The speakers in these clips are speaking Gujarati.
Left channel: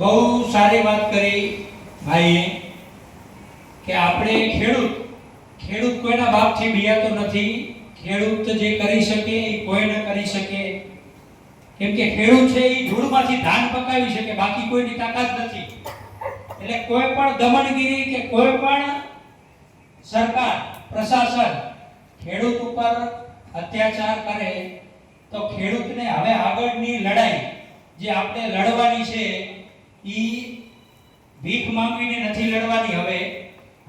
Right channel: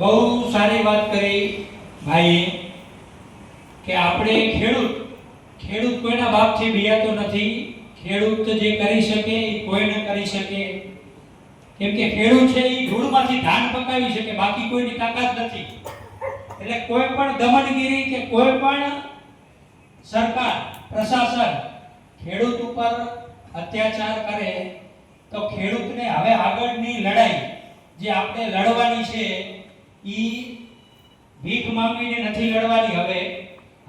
બહુ સારી વાત કરી ભાઈએ કે આપણે ખેડૂત કોઈના બાપથી બિયાતો નથી. ખેડૂત જે કરી શકે એ કોઈ ન કરી શકે, કેમ કે ખેડૂત છે એ ધૂળમાંથી ધાન પકાવી શકે, બાકી કોઈની તાકાત નથી. એટલે કોઈ પણ દમનગીરી કે કોઈ પણ સરકાર પ્રશાસન ખેડૂત ઉપર અત્યાચાર કરે તો ખેડૂતને હવે આગળની લડાઈ જે આપણે લડવાની છે ઈ ભીખ માંગીને નથી લડવાની.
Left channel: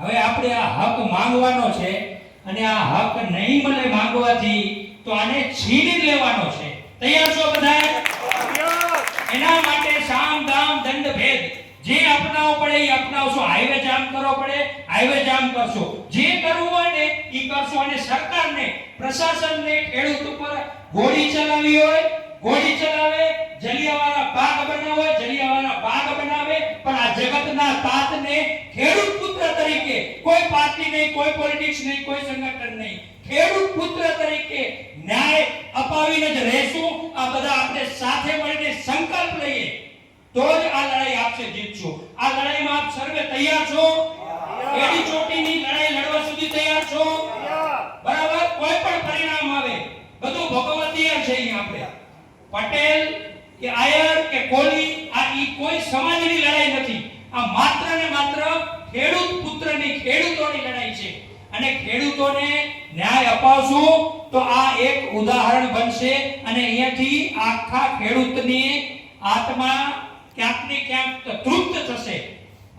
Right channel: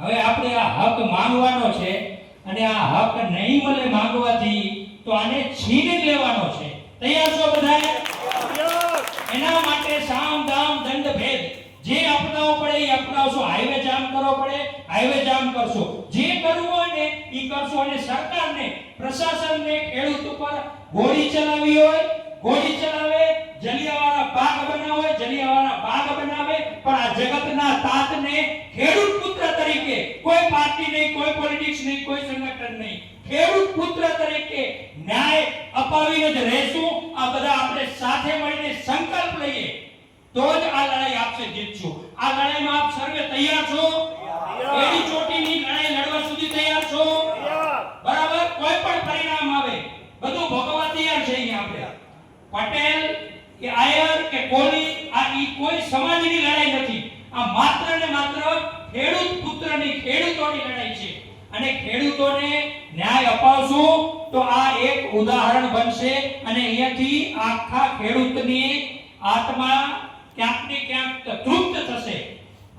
હવે આપણે આ હક માંગવાનો છે અને આ હક નહીં મળે માંગવાથી તો આને છીની લેવાનો છે. તૈયાર છો બધા? એના માટે સામ દામ દંડ ભેદ જે અપનાવવો પડે એ અપનાવશો. હાઈવે જામ કરવો પડે હાઈવે જામ કરશો, જે કરવું હોય ને એ કરશો. અને સરકારને પ્રશાસનને ખેડૂત ઉપર ગોળી ચલાવી હોય ગોળી ચલાવે, જલિયાવાલા બાગ બનાવે હોય જલિયાવાલા બાગ બનાવે, પણ આ જગતના તાતને ખેડૂત પુત્ર તરીકે કોઈ પાર્ટી નહીં, કોઈ પોલિટિક્સ નહીં, કોઈ સંગઠન નહીં, ખેડૂત પુત્ર તરીકે ન્યાય અપાવીને જ રહેશું. આ બધા આપણે સાથે મળીને સંકલ્પ લઈએ તો જ આ લડાઈ આપશે જીતશું. આ લડાઈમાં આપ સર્વે તૈયાર છો? એડી ચોટીની લડાઈ લડવા સુધી તૈયાર છો? બરાબર? કોઈ પણ પરિણામ આવે બધું ભોગવવા તૈયાર છે. અહીંયા આપણે પટેલ કે આયર કે કોલી આ ઈ કોઈ સમાજની લડાઈ નથી. આ માત્ર ને માત્ર ખેડૂત પુત્રની ખેડૂતોની લડાઈ છે. અને ખેડૂતોને ન્યાય અપાવશું તો આ એક ઉદાહરણ બનશે અને અહીંયાથી આખા ખેડૂતની આત્મા ક્યાંક ને ક્યાંક તૃપ્ત થશે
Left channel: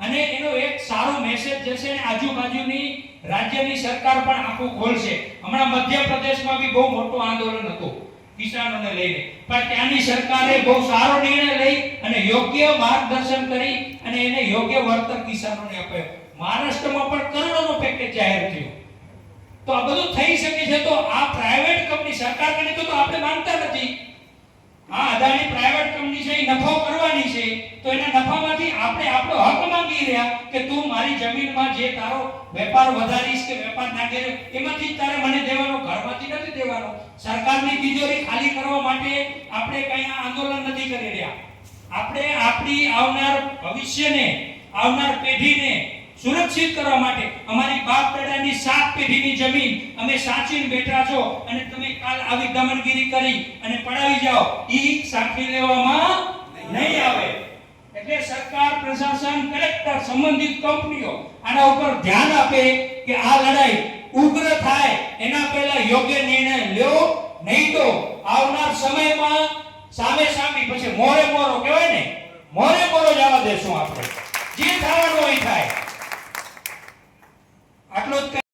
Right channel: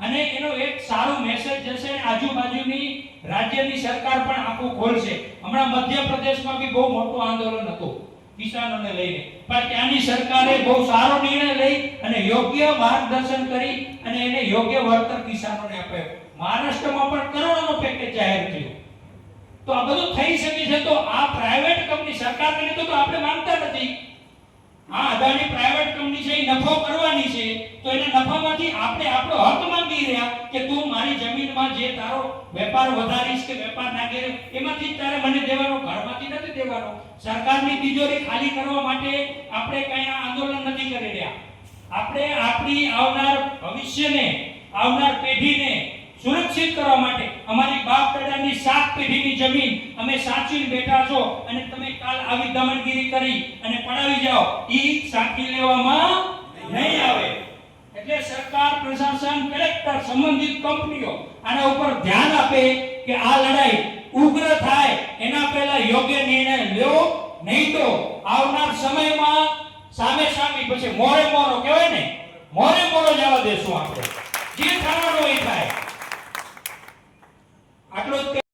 અને એનો એક સારો મેસેજ જશે. આજુબાજુની રાજ્યની સરકાર પણ આખું ખોલશે. હમણાં મધ્યપ્રદેશમાં બી બહુ મોટો આંદોલન હતું કિસાનોને લઈને, પણ ત્યાંની સરકારે બહુ સારો નિર્ણય લઈ અને યોગ્ય માર્ગદર્શન કરી અને એને યોગ્ય વળતર કિસાનોને આપ્યો. મહારાષ્ટ્રમાં પણ કરોડોનો પેકેજ જાહેર થયું. તો આ બધું થઈ શકે છે. તો આ પ્રાઇવેટ કંપની સરકારને તો આપણે માંગતા નથી. આ અદાણી પ્રાઇવેટ કંપની છે, નફો કરવાની છે, તો એના નફામાંથી આપણે આપણો હક માંગી રહ્યા કે તું મારી જમીનમાં જે તારો વેપાર વધારીશ કે વેપાર નાખે એમાંથી તારે મને દેવાનો, ઘરમાંથી નથી દેવાનો. સરકારની તિજોરી ખાલી કરવા માટે આપણે કઈ આંદોલન નથી કરી રહ્યા. આપણે આપણી આવનાર ભવિષ્યને, આવનાર પેઢીને સુરક્ષિત કરવા માટે અમારી બાપ દાદાની 7 પેઢીની જમીન અમે સાચવીને બેઠા છો અને તમે કાલ આવી દમનગીરી કરી અને પડાવી જાઓ ઈ સાચી લેવામાં નહીં આવે. એટલે સરકાર, પ્રશાસન, કલેક્ટર, સંબંધિત કંપનીઓ આના ઉપર ધ્યાન આપે કે આ લડાઈ ઉગ્ર થાય એના પહેલા યોગ્ય નિર્ણય લ્યો, નહીં તો આવનાર સમયમાં સામે સામી પછી મોરે મોરો કહેવાય ને, મોરે મોરો જવા દેશું આપણે. જે થવાનું હોય થાય. આટલું જ